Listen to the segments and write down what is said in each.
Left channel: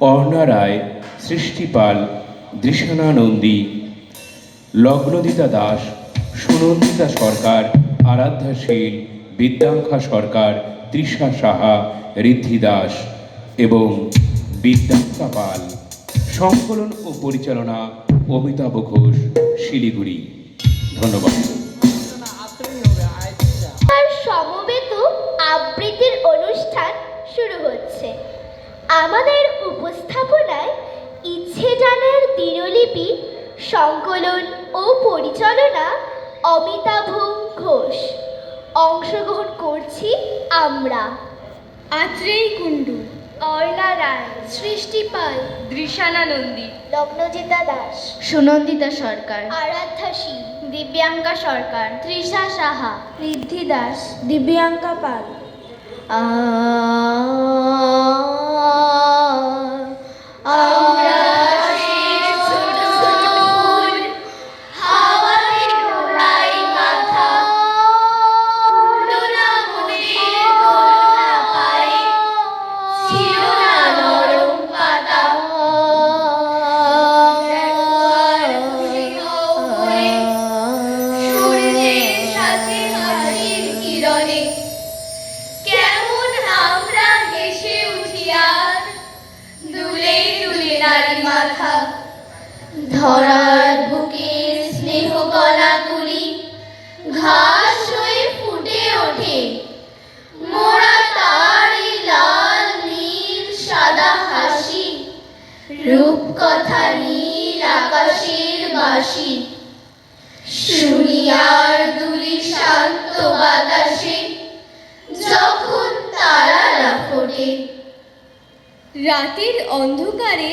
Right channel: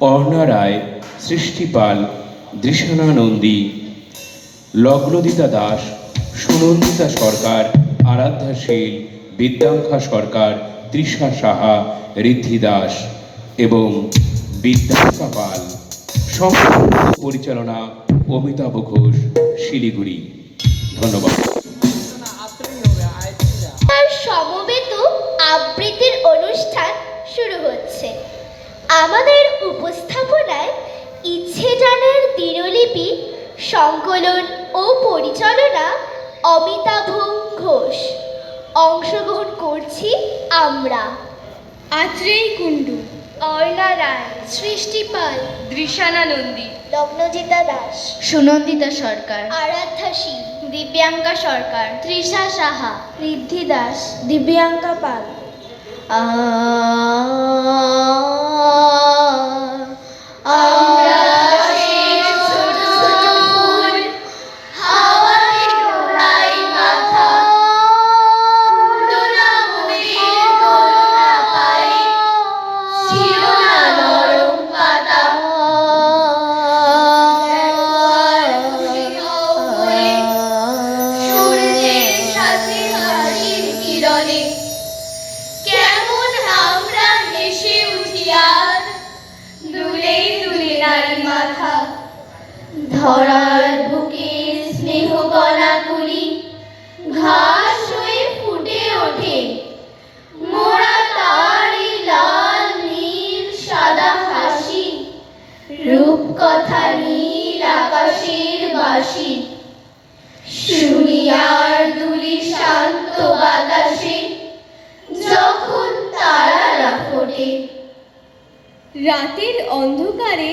অর্ণা রায়, সৃষ্টি পাল, দৃশানা নন্দী, লগ্নদিতা দাস, সুনন্দিতা সরকার, আরাধ্যা শীল, বিদ্যাঙ্কা সরকার, তৃষা সাহা, ঋদ্ধি দাস এবং বিদ্যাঙ্কা পাল। সংস্কৃত পরিচালনা অমিতাভ ঘোষ, শিলিগুড়ি। ধন্যবাদ। সমবেত আবৃত্তির অনুষ্ঠান শুরু হচ্ছে। আমাদের উপস্থাপনায় ইচ্ছে জানার দিনলিপি সংকলন ও পরিচালনা অমিতাভ ঘোষ। অংশগ্রহণ করছি আমরা আত্রেয় কুণ্ডু, অর্ণা রায়, সৃষ্টি পাল, দৃশানা নন্দী, লগ্নজিতা দাস, সুনন্দিতা সরকার, আরাধ্যা শীল, দিব্যাঙ্কা সরকার, তৃষা সাহা, ঋদ্ধি দাস, দিব্যাঙ্কা পাল। ধরার বুকে স্নেহ কলা তুলি ঘাস হয়ে ফুটে ওঠে, মোরা তারি লাল নীল সাদা হাসি, রূপকথা নীল আকাশের বাসি, শুনি আর দুলি শান্ত বাতাসে যখন তারারা ফোটে। রাতের অন্ধকারে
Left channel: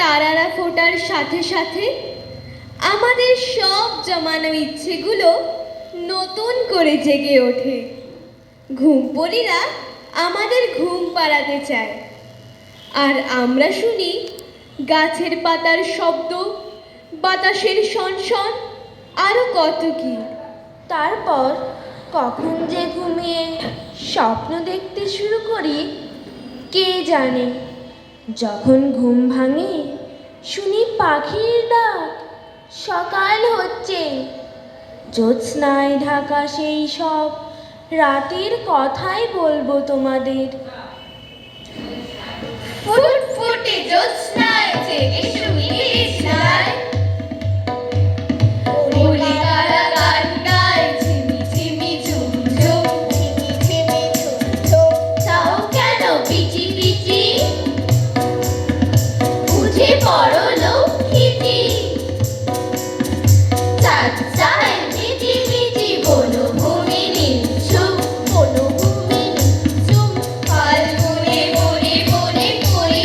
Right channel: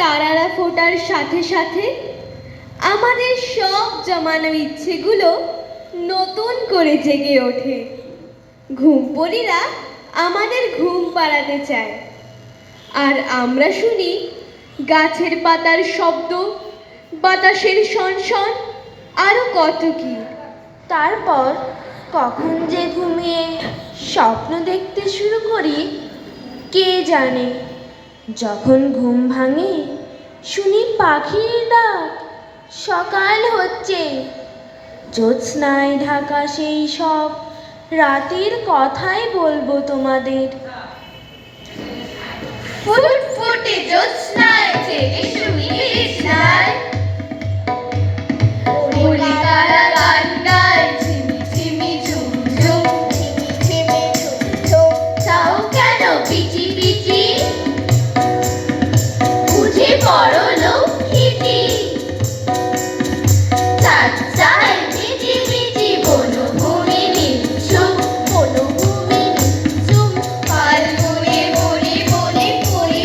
তারারা ফোটার সাথে সাথে আমাদের সব জমানো ইচ্ছেগুলো নতুন করে জেগে ওঠে। ঘুমপড়িরা আমাদের ঘুম পাড়াতে চায়, আর আমরা শুনি গাছের পাতার শব্দ, বাতাসের শনশন, আরো কত কি। তারপর কখন যে ঘুমিয়ে স্বপ্ন দেখতে শুরু করি কে জানে। যখন ঘুম ভাঙে শুনি পাখির ডাক, সকাল হচ্ছে। জ্যোৎস্নায় ঢাকা সেই সব রাতের কথাই বলবো তোমাদের। ফুটফুটে জ্যোৎস্নায় থেকে শুনি কৃষ্ণায়, বলি তারা গান গায় ঝিমি ঝিমি ঝুমঝুম, ঝিমি ঝুম চাও কেন পিচি পিচি, উঠে পড়ো লক্ষ্মীটি। চাচাই মিটি মিটি বনভূমি নিঝুম, বনভূমি নিঝুম, ফাল্গুনে বনে বনে কুড়ি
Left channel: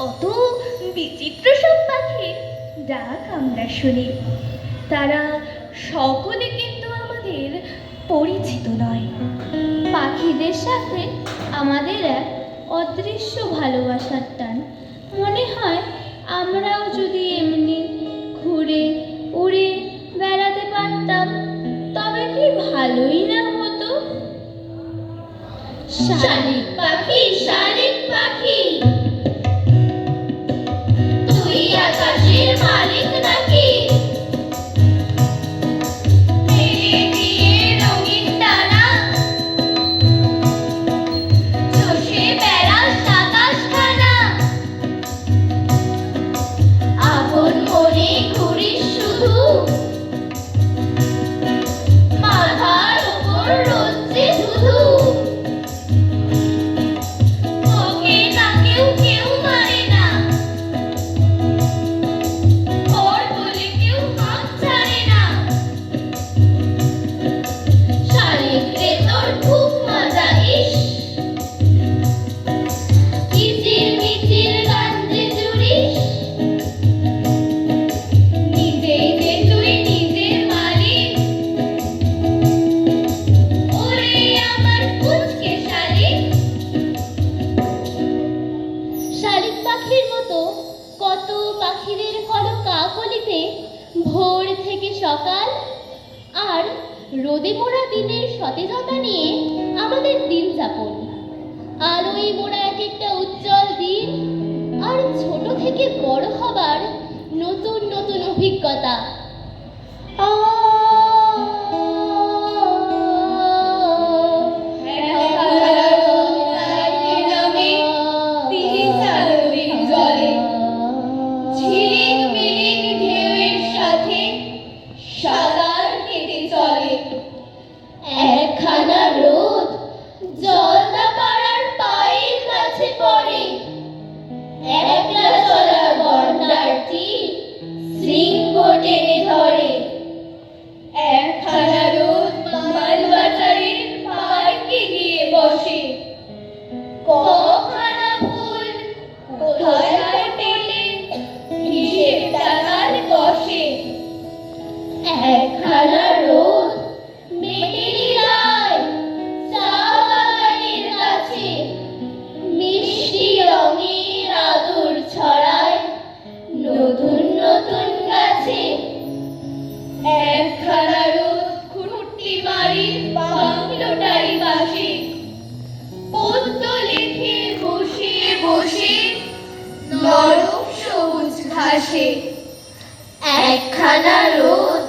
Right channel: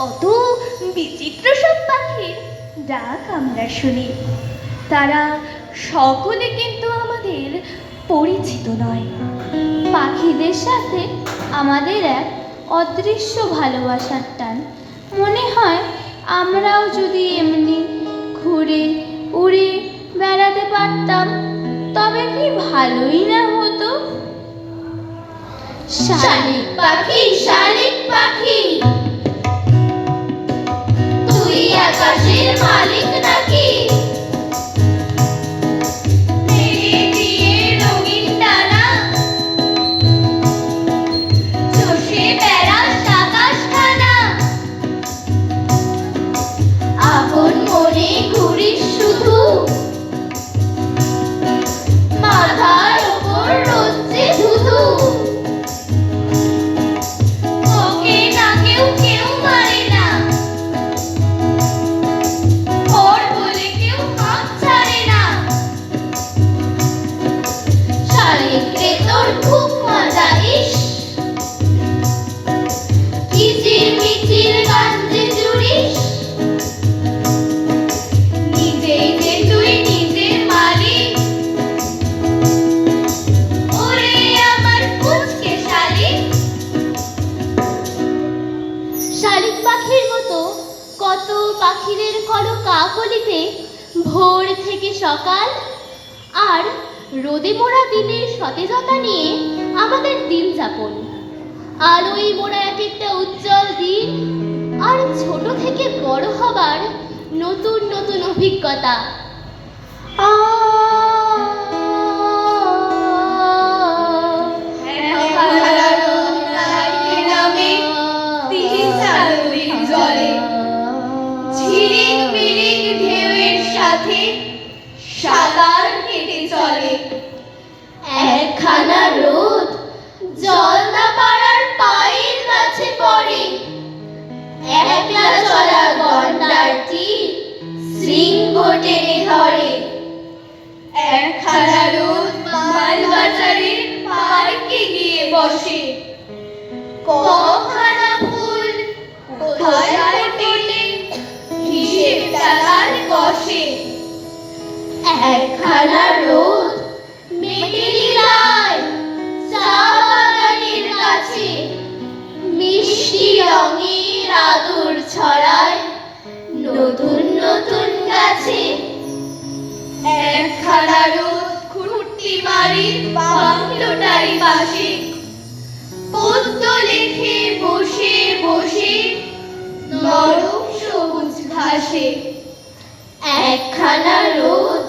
কত বিচিত্র সব পাখির ডাক আমরা শুনি। তারা সকলে কিন্তু আমাদের পরিচিত নয়। পাখিদের সাথে আমাদের এক অদৃশ্য ভালোবাসার টান। মনে হয় আমরাও যদি এমনি ঘুরে উড়ে বেড়াতে পারতাম তবে কি ভালোই না হতো। শালিক পাখি, শালিক পাখি, তুই আকাশের মালিক নাকি? মেলে দিয়ে রঙিন ডানা, চষে বেড়াস আকাশখানা। আপন মনে ঘুরিস শুধু, মাথার ওপর রোজ্জে ধুধু। তোকে না কেউ মানে না, ওর বলে কেউ হাত ছাড়ে না। শালিক রে তোর খুব মজা, ইস কিচির মিচির গান যে জুড়িস। নিজেই যে তুই নিজের মালিক, ওরে আমার পুচকে শালিক। শালিক পাখির মতো কত পাখিদের কলকাকলিতে ভোর থেকে সকাল আর রোদে মোড়া দিনের সতেজতা নিয়ে আমাদের দিন যাপন। আলোয় মোড়া এক একটা উজ্জ্বল দিন আর ছোট থেকে বড় হবার নতুন নতুন অভিজ্ঞতা। ঝিলিক মিলিক ঢেউয়ের সাথে সাগর কেটে চলে। একখানা রোদ জলদা পাড়ার পায়ের কাছে পড়ে, একলা চলা গন্ডারটি শৃঙ্গ টেনে ধরে। একখানা রোদ মালবাজারের পার্কে গিয়ে বসে। কখানা ফুল কোথায় ফোটে হিসেব টাকার কষে। একখানা রোদ মেটেলি রায় চা বাগানের কাছে, মিষ্টি রঙের আদর ছড়ায় নতুন নতুন গাছে। একখানা রোদ খুঁটি বাড়ির বাংলোটারি পাশে পদ্ম লেখে বসে বসে নরম সবুজ ঘাসে। একখানা রোদ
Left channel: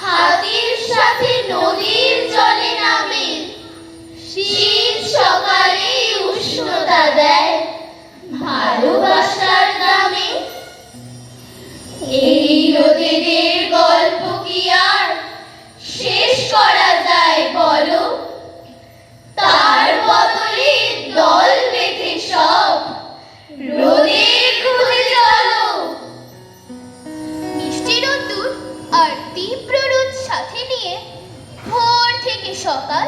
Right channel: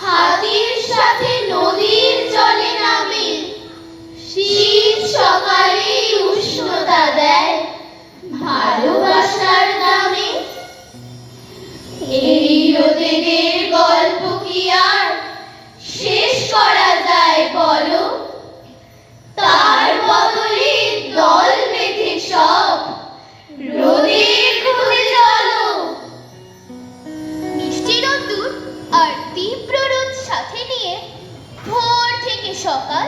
হাতির সাথে নদীর জলে নামে, শীত সকালে উষ্ণতা দেয় ভালোবাসার দামে। এই রোদেদের গল্প কি আর শেষ করা যায় বলো? তার বদলে দল বেঁধে সব রোদে খুঁজে চলো। মিষ্টি রোদ্দুর আর তীব্র রোদ সাথে নিয়ে ভোর থেকে সকাল,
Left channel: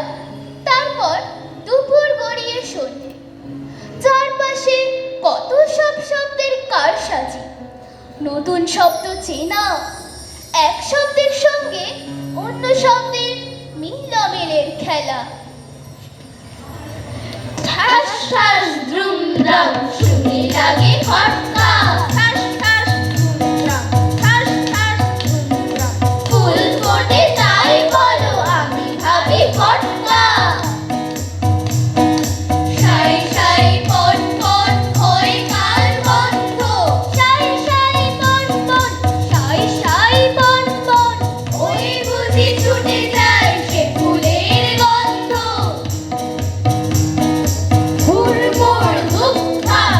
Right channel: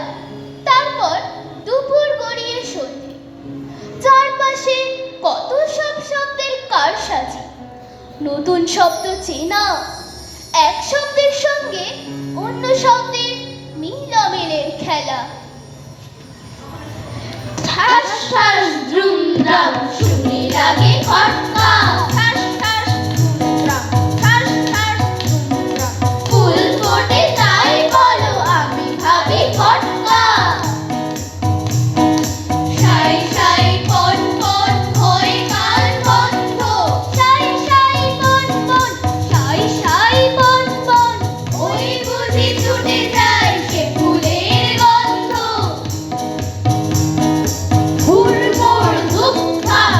তারপর দুপুর গড়িয়ে সন্ধে। চারপাশে কত সব শব্দের কারসাজি, নতুন শব্দ চেনা, এক শব্দের সঙ্গে অন্য শব্দের মিলমেলের খেলা। ঠাস ঠাস দ্রুম দ্রাম শুনে লাগে খটকা, ঠাস ঠাস ধুমধাম, ঠাস ঠাস ধুমধাম। ফুল ফোটে তাই বলো আমি ভাবি খটকা। সাই সাই পন পন হয়ে কান বন্ধ। সাই সাই পন পন, সাই সাই পন পন, ওই বুঝি ছুটে যায় সে ফুলের গন্ধ। হুড়মুড় ধুপধাপ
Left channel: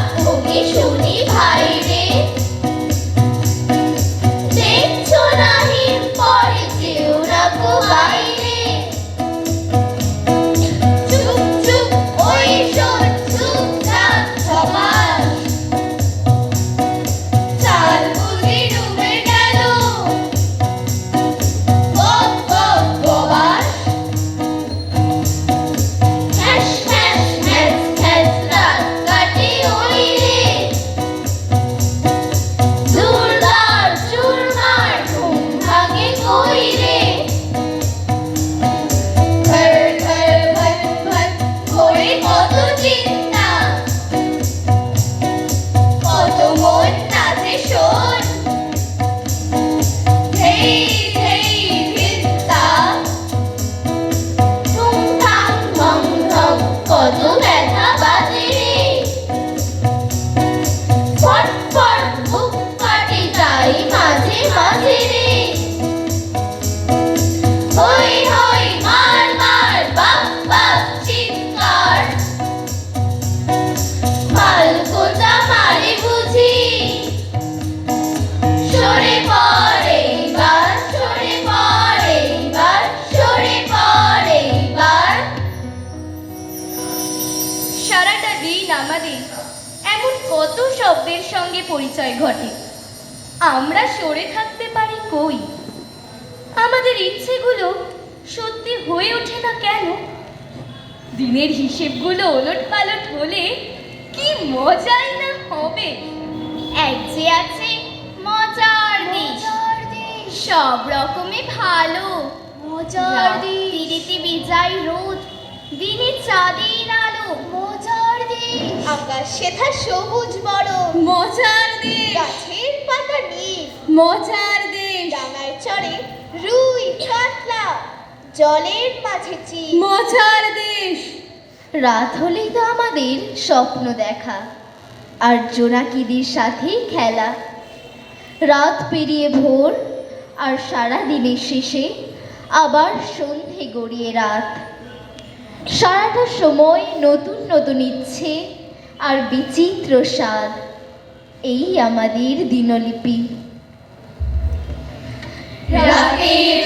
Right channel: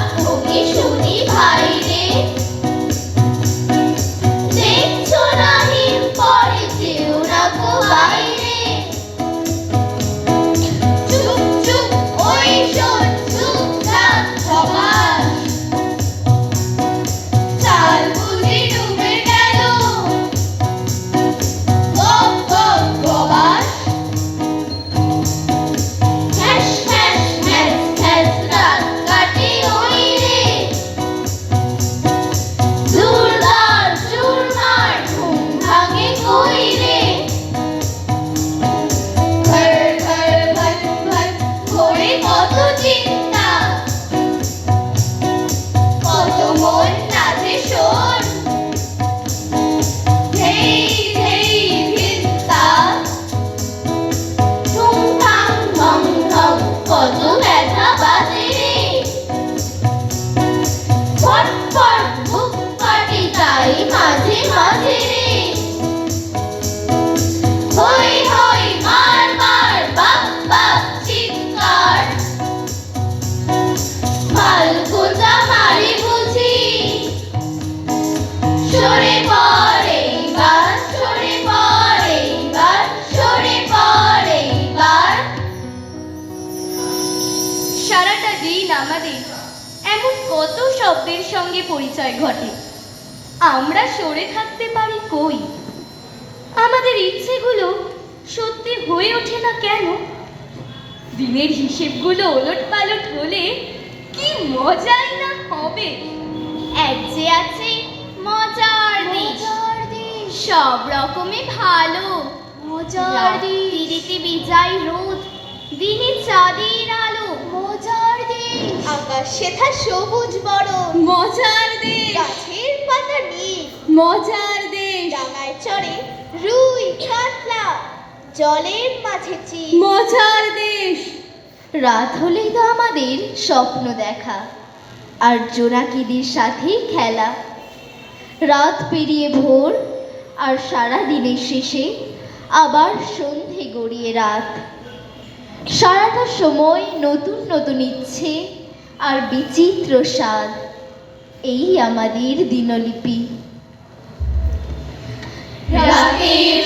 আমাদের এমন কত শব্দের সঙ্গে পরিচয় ঘটে, আমরা সরে থাকতে পারি কই? আমাদের ইচ্ছেগুলো সত্যি হয়ে ওঠে না কেন? দিনের হিসেবগুলো ওলটপালট হলে কি মজাই না হবে। এক যে আছে মজার দেশ, সব রকমে ভালো মজার দেশ। তিরিতে বিজাই রোদ, দিনে চাঁদের আলো মজার দেশ। আকাশ সেথা সবুজ বরণ, মজার দেশ। গাছের পাতা নীল, মজার দেশ। ডাঙায় চড়ে রুই কাতলা, জলের মাঝে চিল মজার দেশ। রাত হলেই তো আমাদের স্বপ্ন দেখা আর জোনাকিদের সাথে খেলা। রাত পেরিয়ে ভোর, আর সারা দিনের শেষে আবার সন্ধে গড়িয়ে রাত। সারাটা সময় নতুন নতুন ইচ্ছে আর বিচিত্র স্বাদ। এই আমাদের দিনলিপি। রাতের